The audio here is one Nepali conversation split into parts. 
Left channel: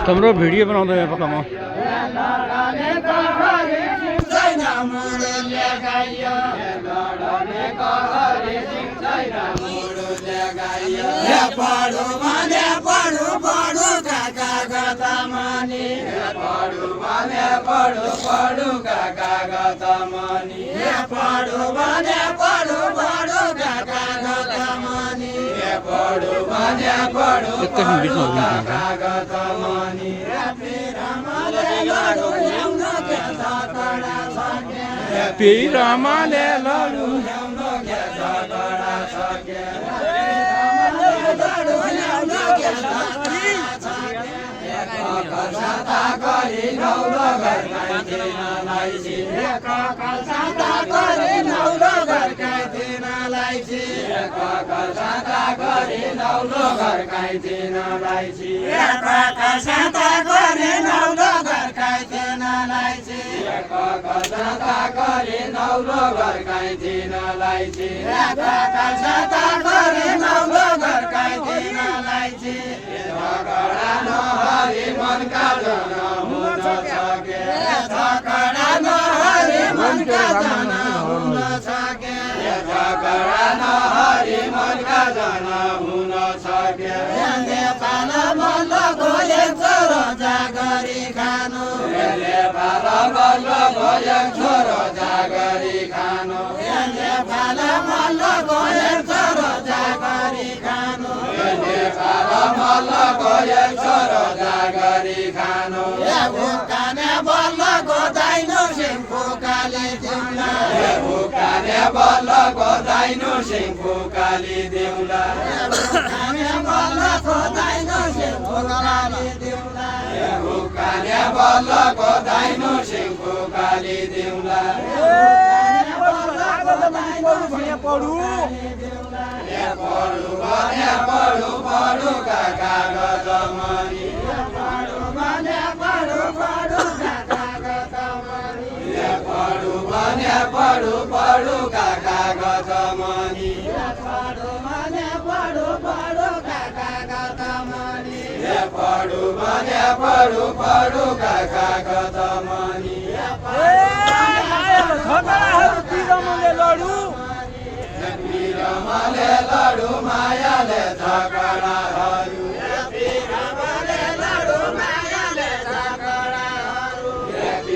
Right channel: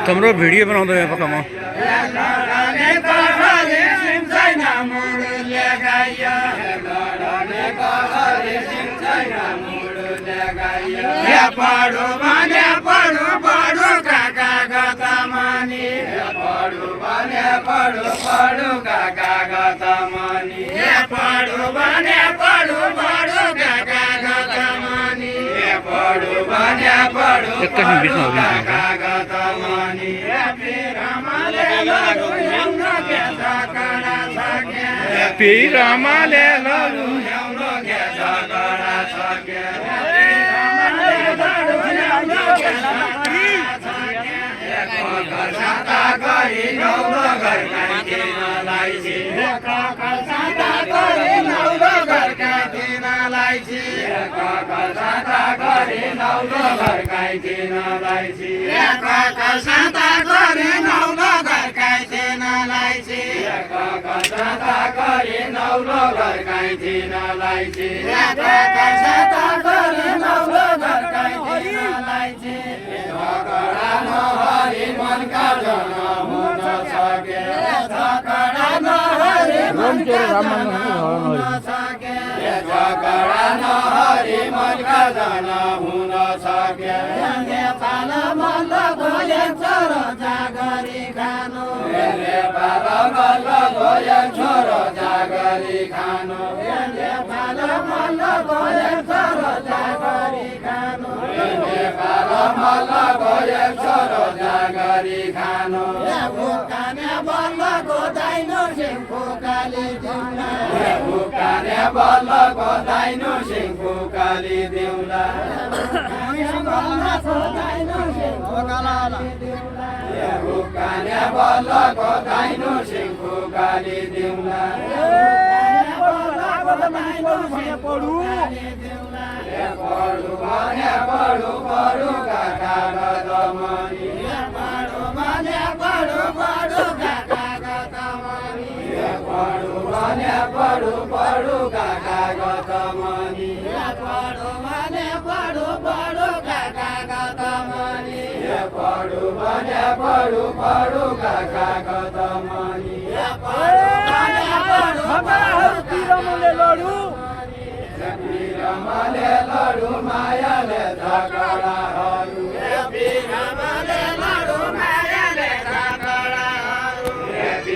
तिम्रो भिडियो बनाउँदै यहाँ पक्का म एकैछिन बिचमा पिरामाले लडु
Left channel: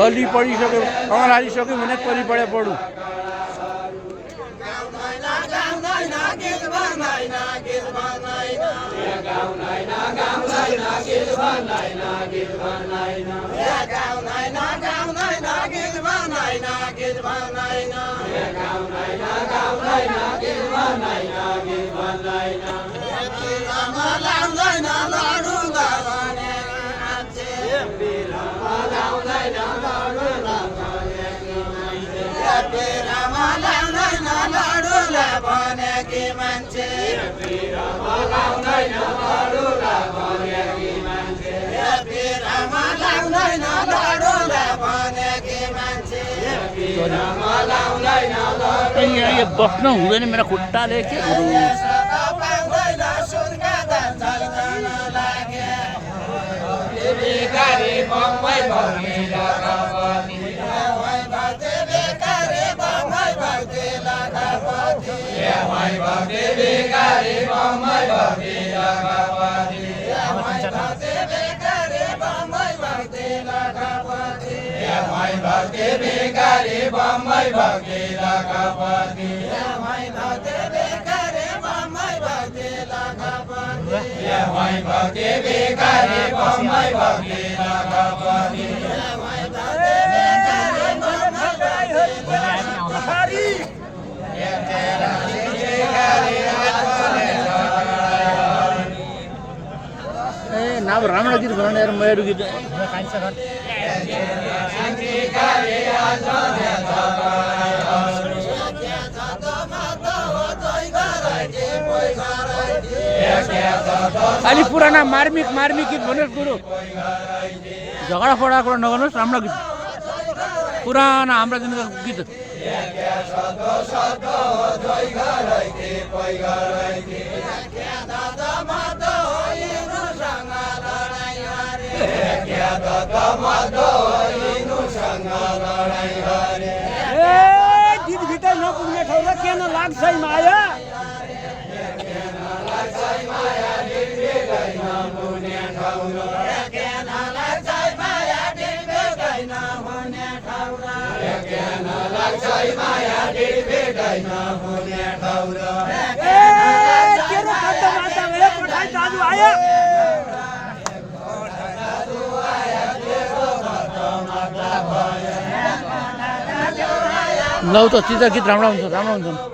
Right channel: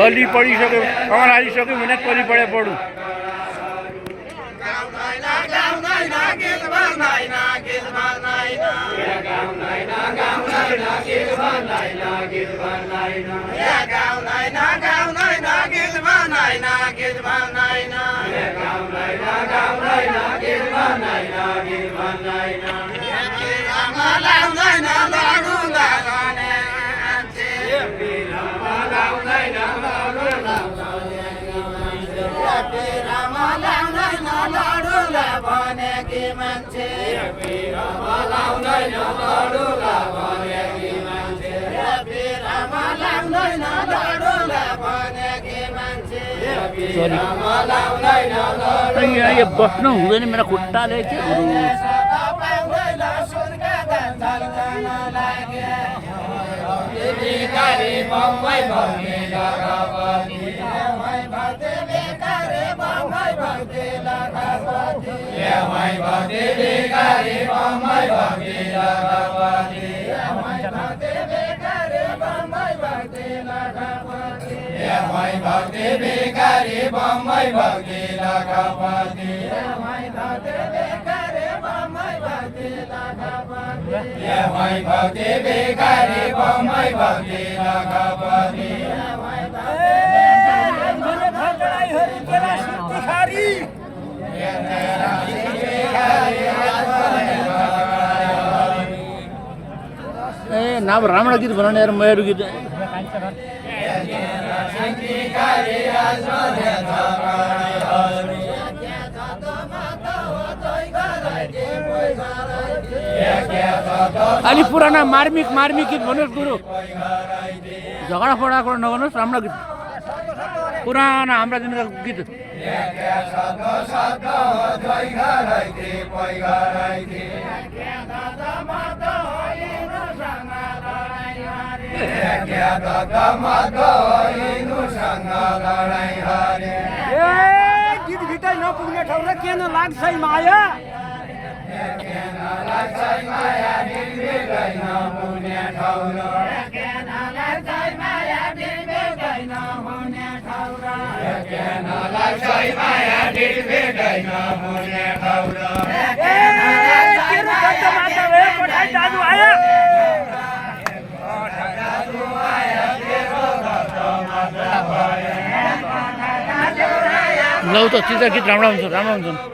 कली पढिसक्यो अमल हालिसक्यो भने कली पढे पढु यहाँ बस्न हुँदैन मेरा खुट्टाले के गुरु ನಾವು ರಾಮಣ ಗೀತ ಬರೋಣ ಯಾರು ಮಯೂರು ಗೀತೆ अलि पुराना मार्मिक गीत भन्नुहोस् गुरु झगडा पडाको नगर्नुहोस् राम्रो गीत पुराना हाम्रा दिनका गीत गीत भित्र नपुग्ने ठाउँ र किन लाग्छ माया दाजु आयो लौ त चित्र गीत राम्रो हुन्छ राम्रो हुन्छ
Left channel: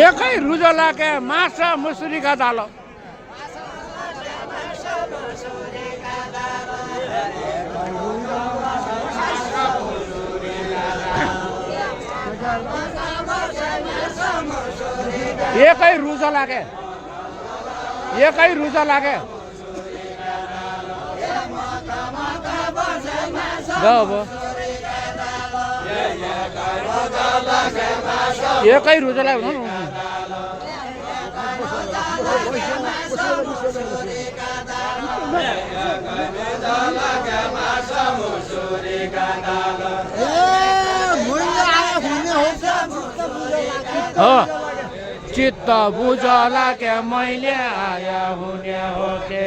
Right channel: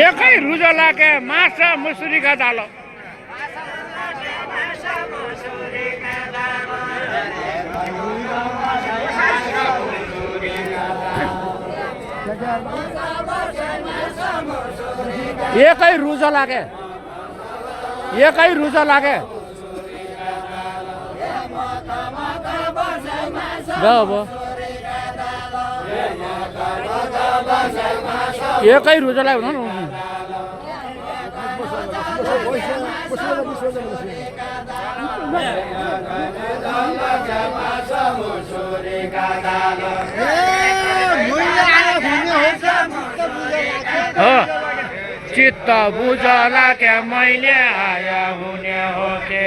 एकै रुजलाके माछा मुसुरीका दाल एकै रुजलाके अब एकै रुजला हुनु चित्त बुझला के मैले आया हुने हो के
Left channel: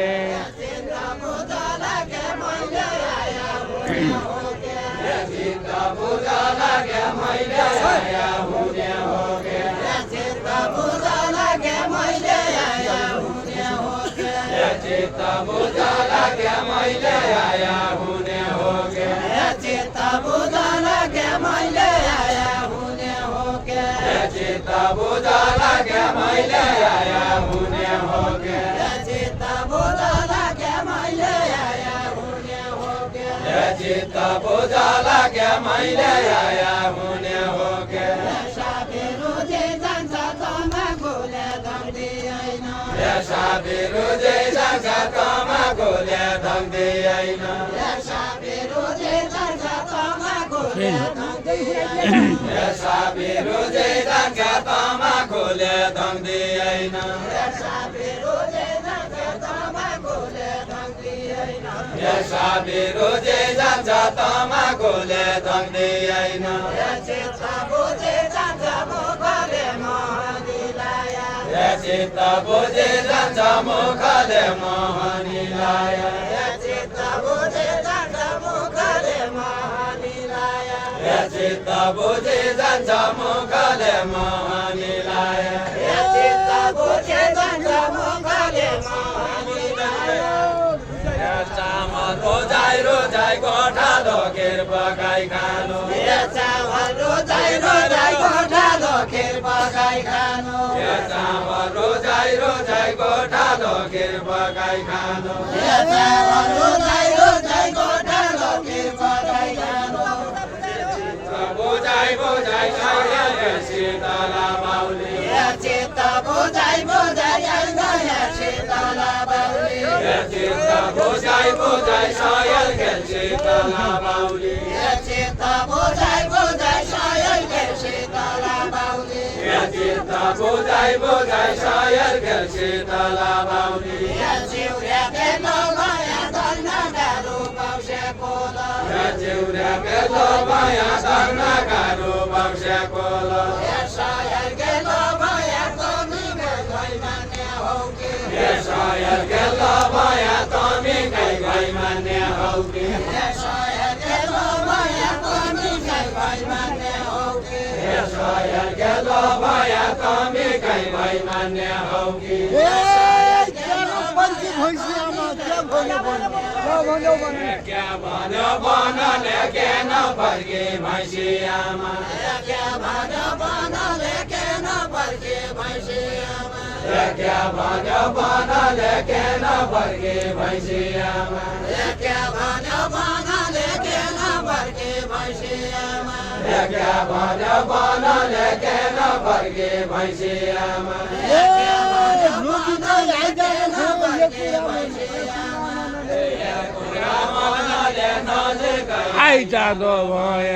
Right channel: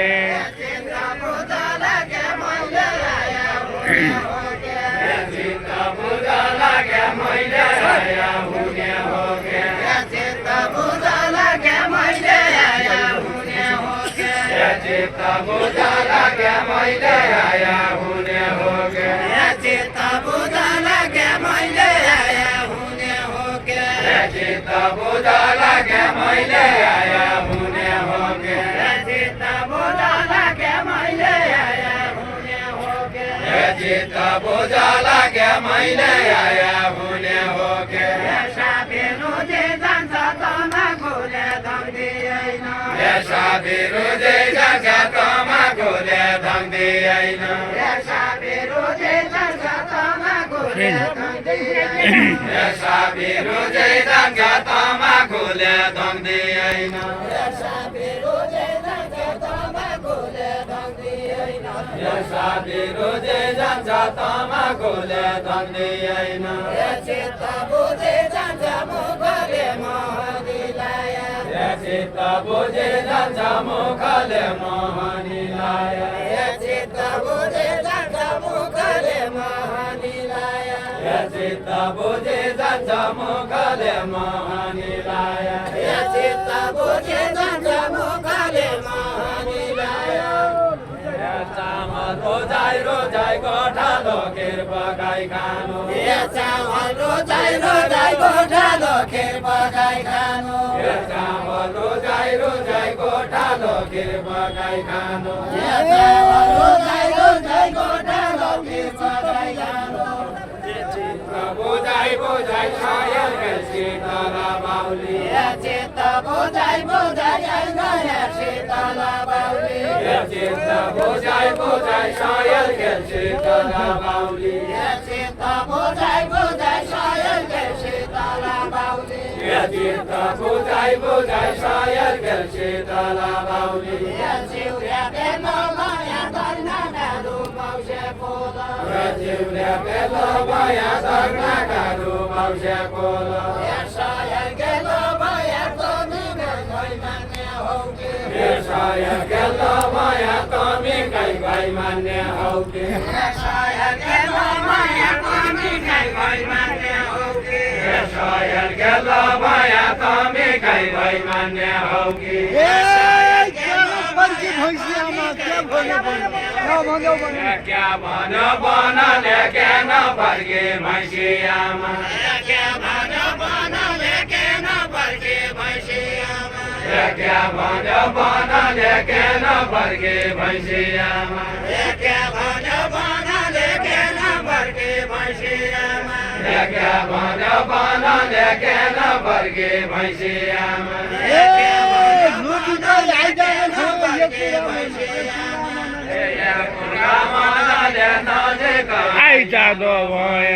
आई जादो भए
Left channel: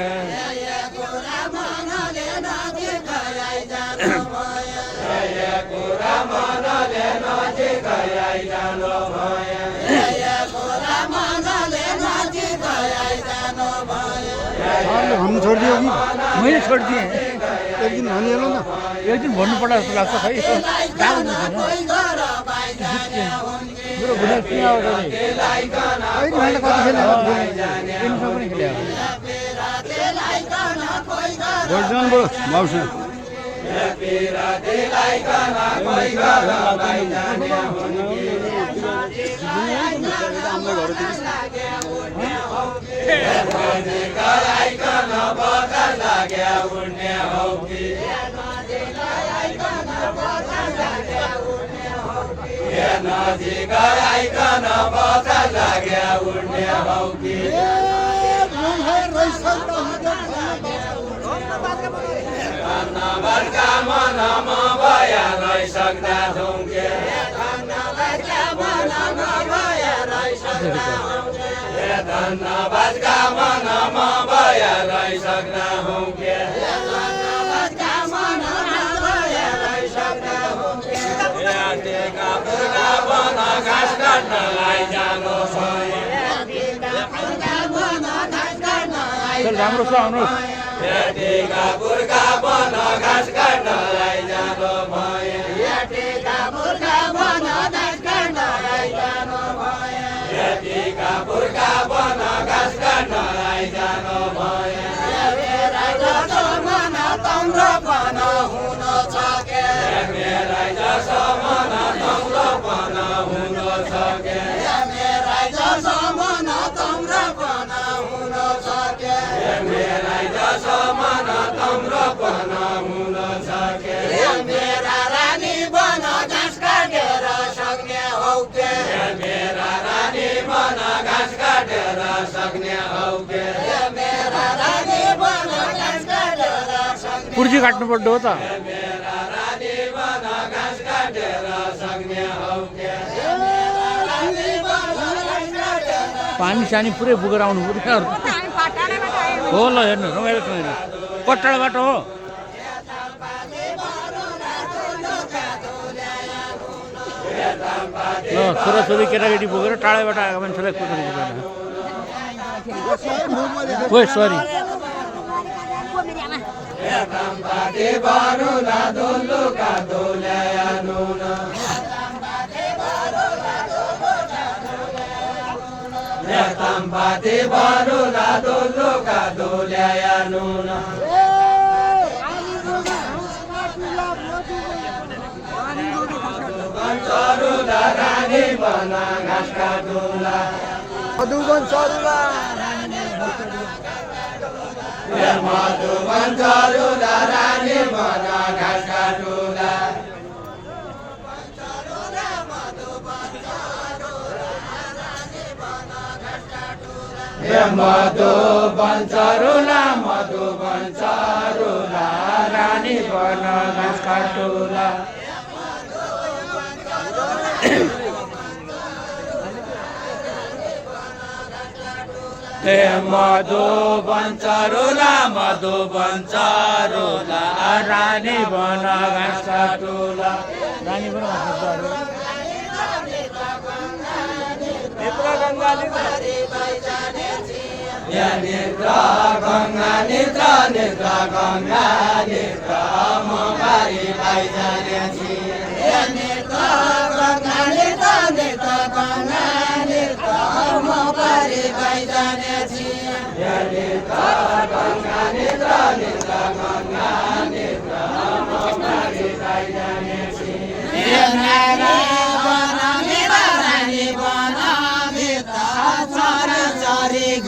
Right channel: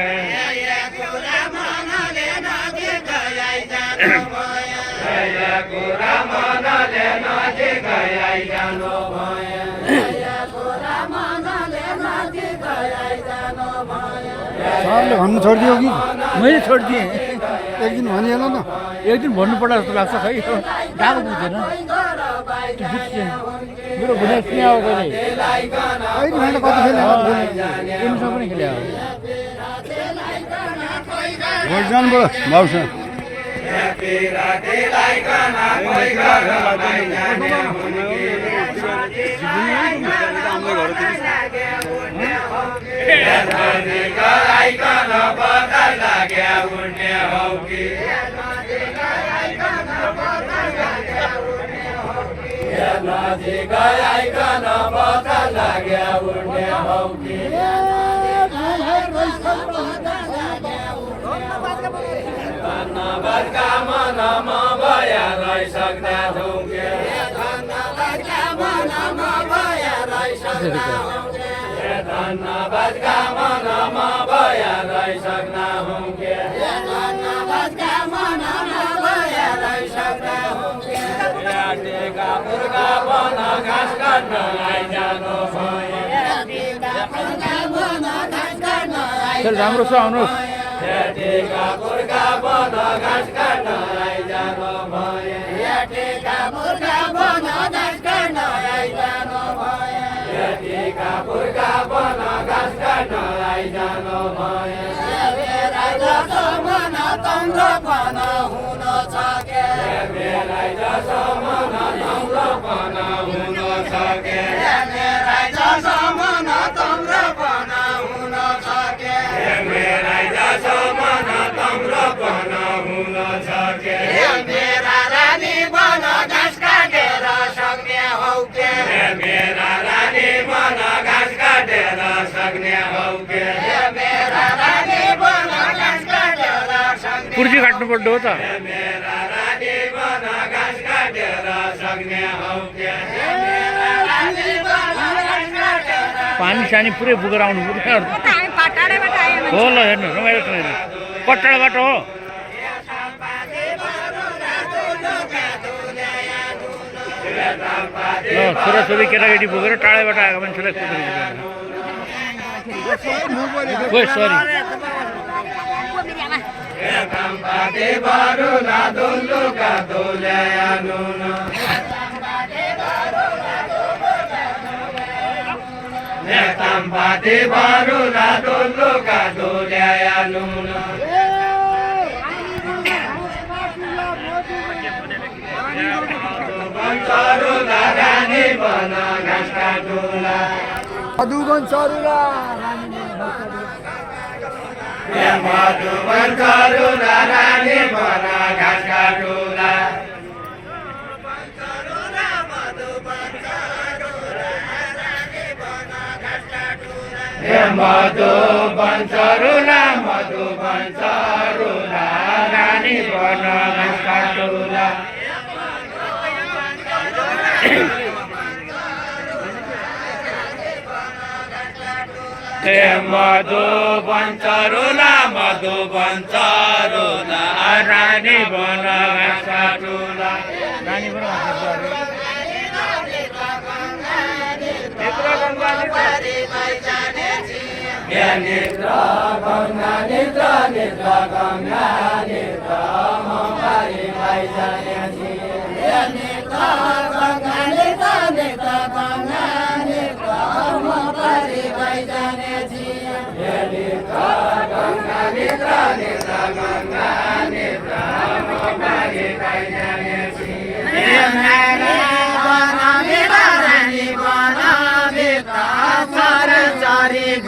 भन्नु छोडिदियो कि मैले छोडिदिएँ एक दिन भनिहाल्नु न एक दिन भन्नु पर्ला जस्तो लाग्छ खै गएको बुझ्दैन मेरो भुइँ सुने आवाज एमसँग पनि खेले भाउसा राम्रो छ आउनुहोस् पुर्जी काट्नु पर्दो हो त पानी सानी पुरै बोकेर आउनु पर्यो हो ल हेर्नु रमाइलो छ हेर्नु कट्टाबाट हो ल छोराछोरी केटाकेटी बोकेर टाढाबाट आएको मान्छेलाई कुद्नु सरी मधुबन चरुला रानी बन घाँस काटुला मधुबन चरुला रानी बन घाँस काटुला रानी बन घाँस काटुला Ganga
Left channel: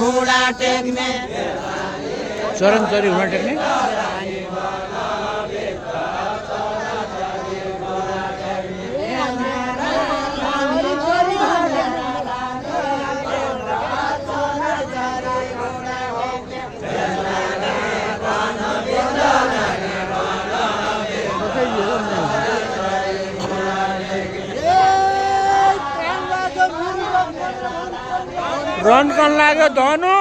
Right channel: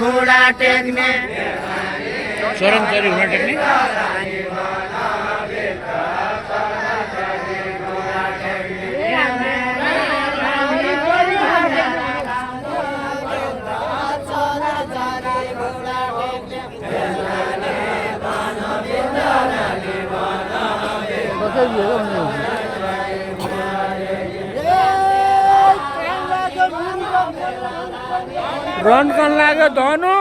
घोडा टेक्ने चरण चरी घोडा टेक्ने रन कन लाग्यो धनु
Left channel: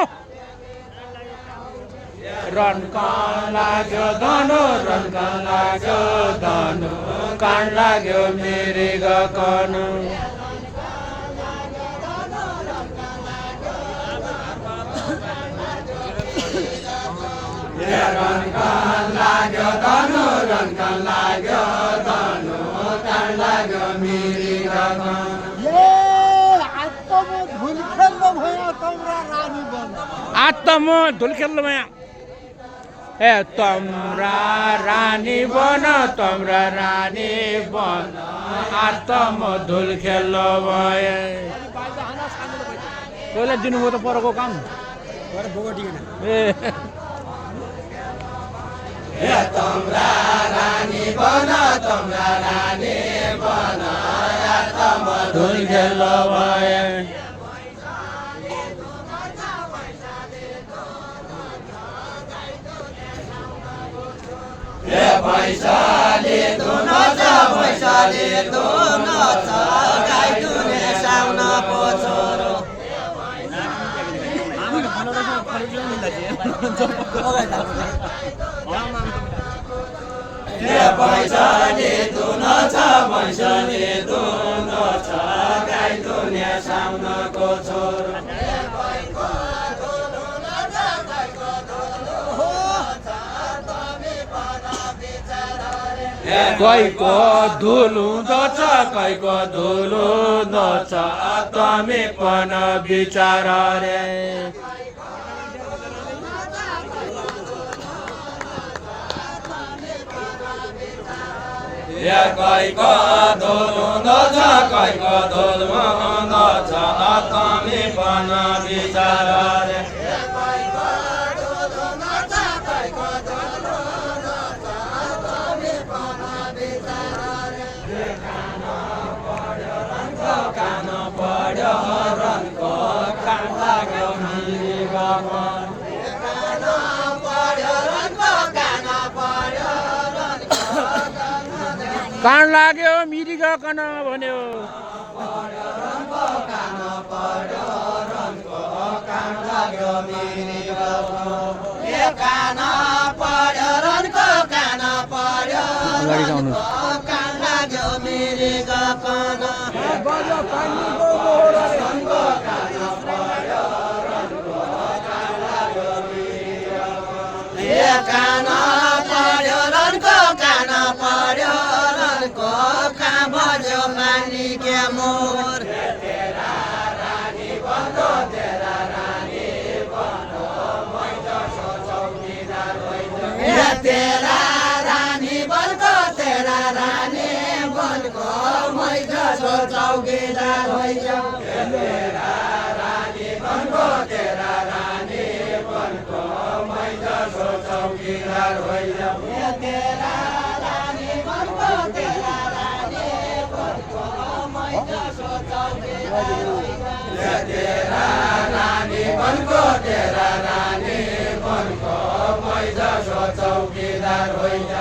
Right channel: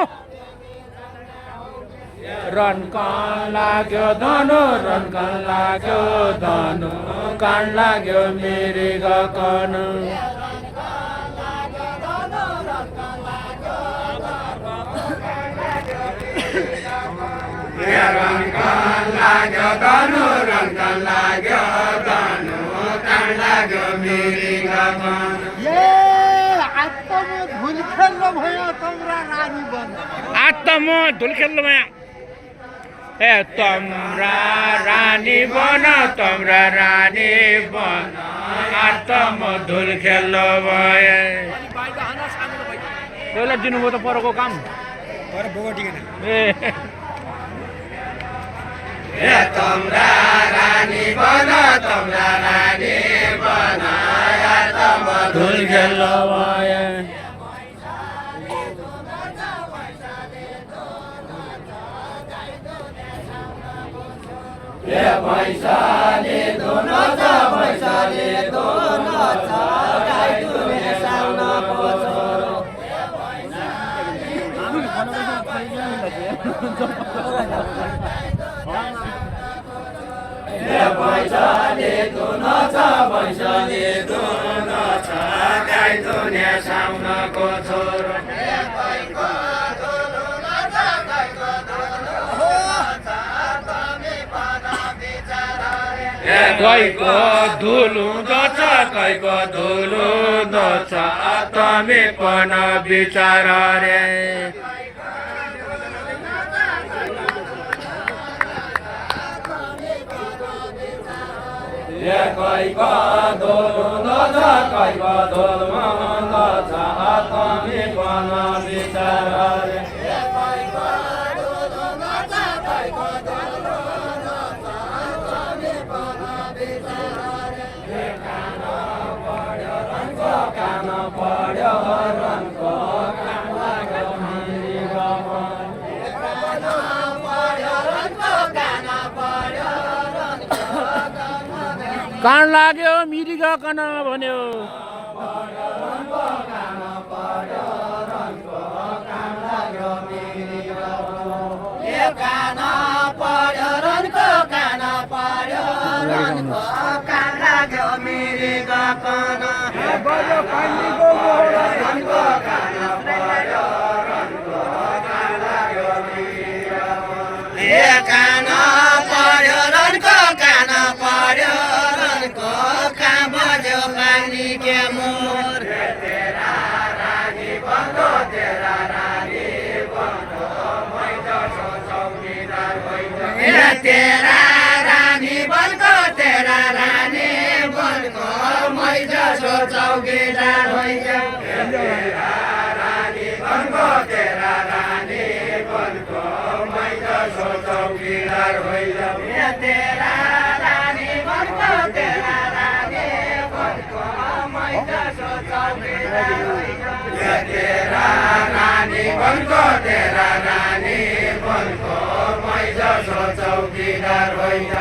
रन कन लाग्यो धनु रन कन लाग्यो धनु कान लाग्यो मृग कन रन कन लाग्यो धनु रन कन लाग्यो धनु कान लाग्यो मृग कन आत्म धुल खेल्नु भया ए तम्रा रानी बन तम्रा रानी बन आत्म धुल खेल्नु भए त्यसलाई दिनुभयो त परको काम ए तम्रा रानी बन तम्रा रानी बन आत्म धुल खेल्नु भए पैसाले धुनो छ पैसाले धुनो छ गाई दुने साउनको छोरो पैसाले धुनो छ पैसाले धुनो छ गाई दुने साउनको छोरो कैको धुलुँदो छ कैको धुलुँदो छ तमी पन विचार रे कैको धुलुँदो छ कैको धुलुँदो छ तमी पन विचार रे कान लाग्यो मिरिग कन भन्यो काना पर्यो रनको काना पर्यो रनको कान लाग्यो मिरिग कन रनको काना पर्यो रनको कान लाग्यो मिरिग ए काना पर्यो रनको काना पर्यो रनको कान बज्यो पानी के मोर तेरा रानी बन्धो तेरा रानी बन्धो मैदा सोचौकीदार होइन तेरा रानी बन्धो तेरा रानी बन्धो मैदा सोचौकीदार होइन तेरा रानी बन्धो तेरा रानी बन्धो मैदा सोचौकीदार होइन तेरा रानी बन्धो तेरा रानी बन्धो मैदा सोचौकीदार होइन तेरा रानी बन्धो तेरा रानी बन्धो मैदा सोचौकीदार होइन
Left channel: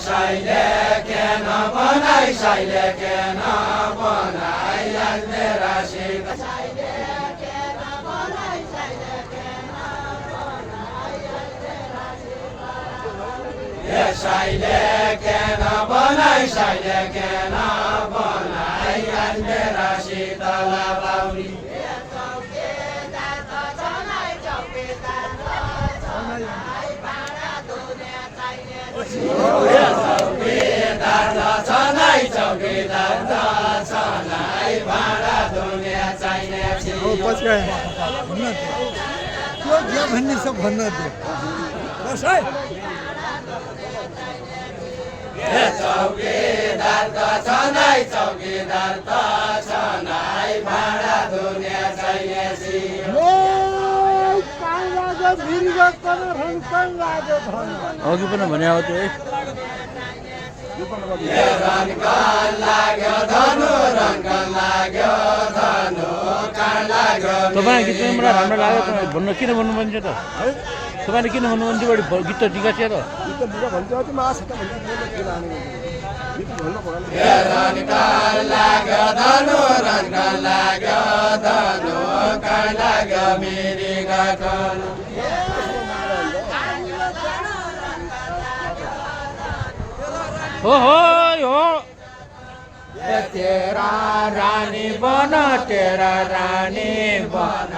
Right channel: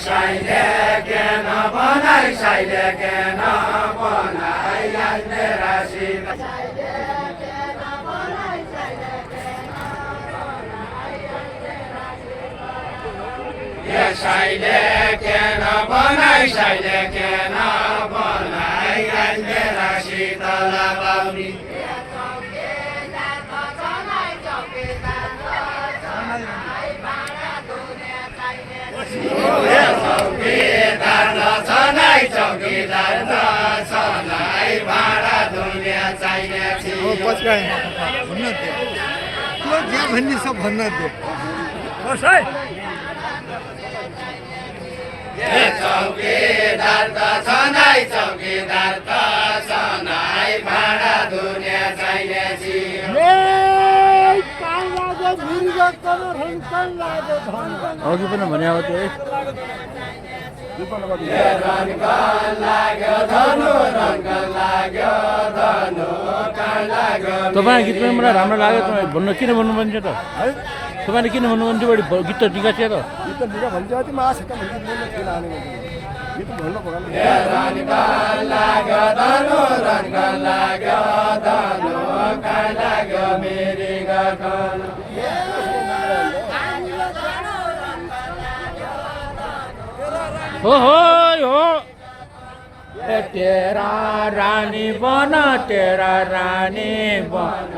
साइले के न बनाई साइले के न बनाई आज मेरा सीता साइले के न बनाई साइले के न बनाई आज मेरा शीतला बाउनी चौकीदार छ नै हो पछि आए भन्न दियो के जे भन्ने सब भन्न दियो बस है चौकीदार त छनाई चौकीदार त छनाई भाडा दुनिया छैनसी अघि पनि भने अब त्यो तपाईँ गीत पनि मलाई राम्रो लाग्यो भन्न किन भन्नुहुन्छ त है तपाईँले किन भन्नुहुन्छ बढी गीत त टिका थियो हो तेरा रानी बन तेरा रानी बन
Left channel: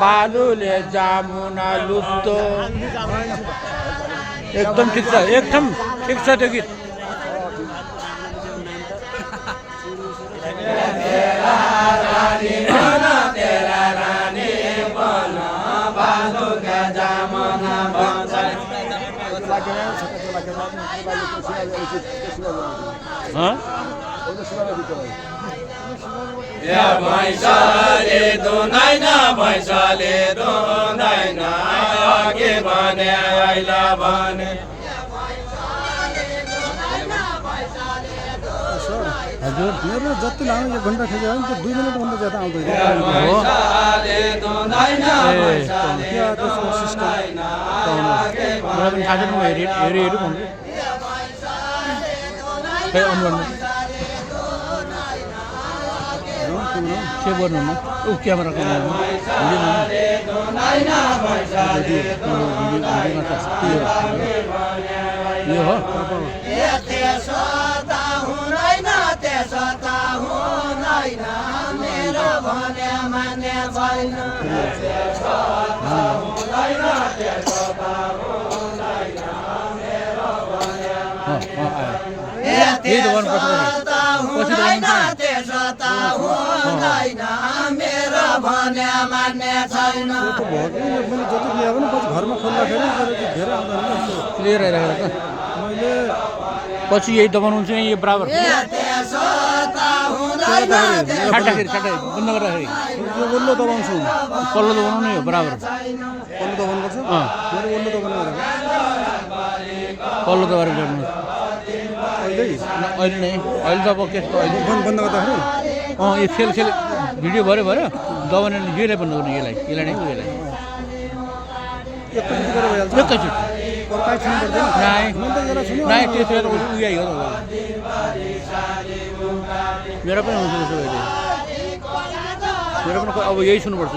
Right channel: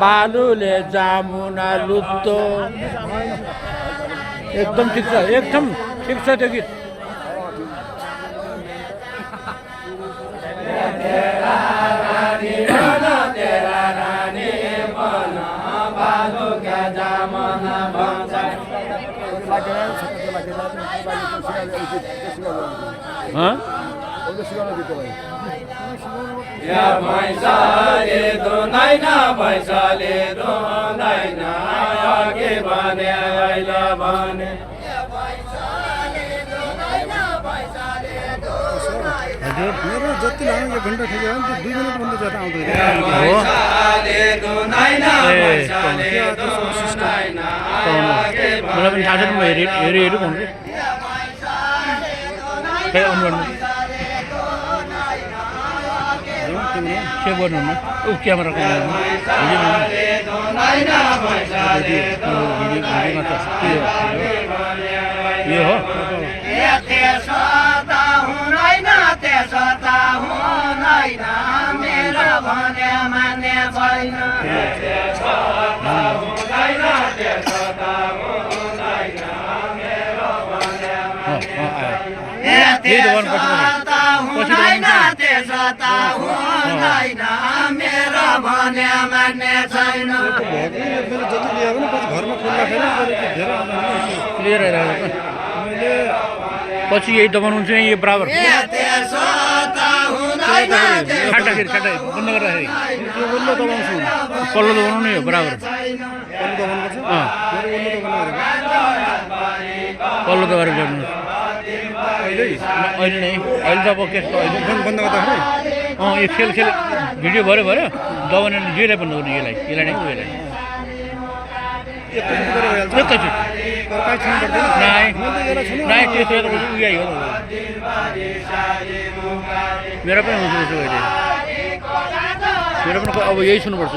बालुले जामुना लुप्तो एकदम ठिक छ त्यो गीत तेरा रानी बन बालुले जामुना बन्छ भैँसले दुँदैन भैँसले दुँदैन अघि भने अहिले भने हजुर मेरो जति लामो 1 घन्टा खेल्यो भने 2 मिनेटभन्दा ज्यादा आउँदैन मलाई पनि थाहा छैन म हेरि भन्छु के गर्नुहुन्न ऊ क्यामेरा यो हो मेरो भने मान्ने छैन मेरो भने मान्ने छैन क्लियर आइरहेको मैले पछि यही दबाउनुहुन्छ यही बराबर खाट्दाखेरि बन्द गर्दाखेरि वल्लो दबाउँछु पल्लो दबाउनु नै हो बराबर पल्लो दबाउनुपर्छ मेरो वल्लो दबाउनु पल्लो दबाएर ल्याउनु अहिले नै अहिले त अब के अहिले बन्द गर्दाखेरि यो खेल भिडियो भयो दबाउने यसलाई बन्द गर्नु यसलाई नै यसलाई एकैचोटि नाइ त्यसो उयो हो मेरो पनि हुन्छ त्यसो अहिले मेरो पनि अब यही सुन्नुपर्छ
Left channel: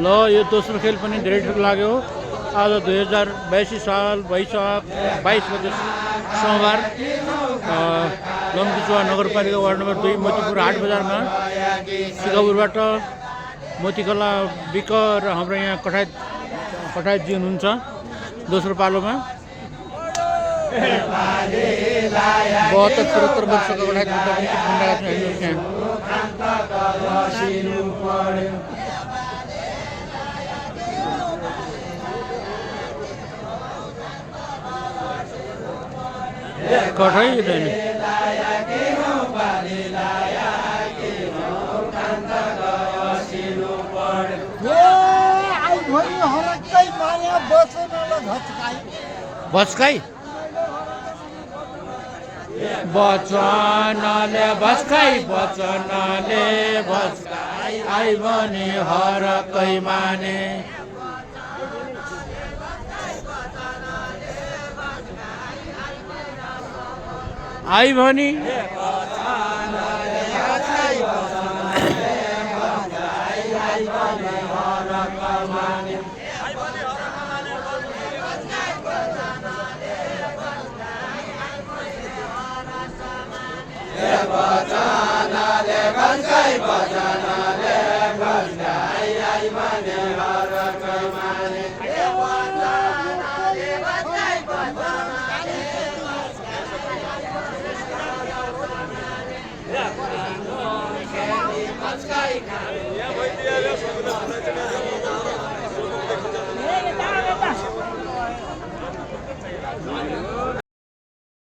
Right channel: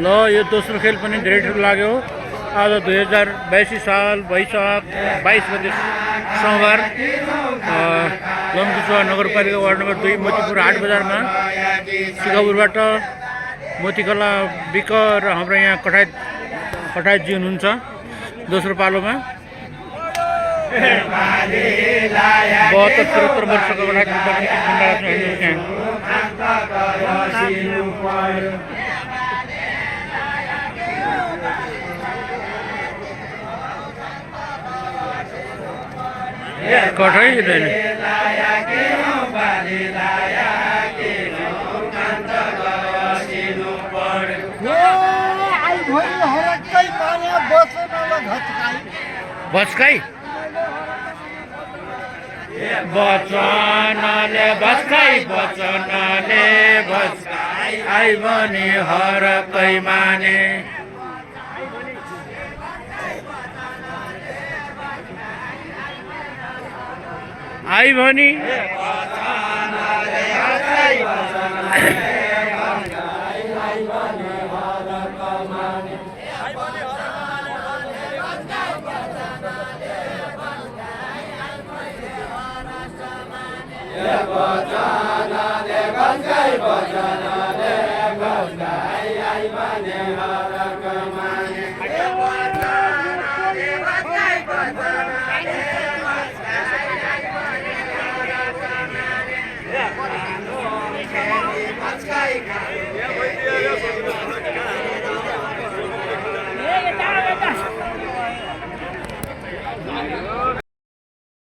ल यो दोस्रो खेल पनि धेरै ठुलो लाग्यो आज 2082 साल वैशाख 22 गते सोमबार लम्चुचुवा नगरपालिका वार्ड नम्बर 2 मोतीपुर हाट बजारमा सिकापुरबाट मोतीकला विक र हाम्रो यहाँ कठायतजी हुनुहुन्छ दोस्रो पालोमा 72-73 वर्षको कठायत पनि कठै दिँदैन भस्काई वचनले भस्काई आई भने हरकै माने आई भनी वचनले भन्छै वचन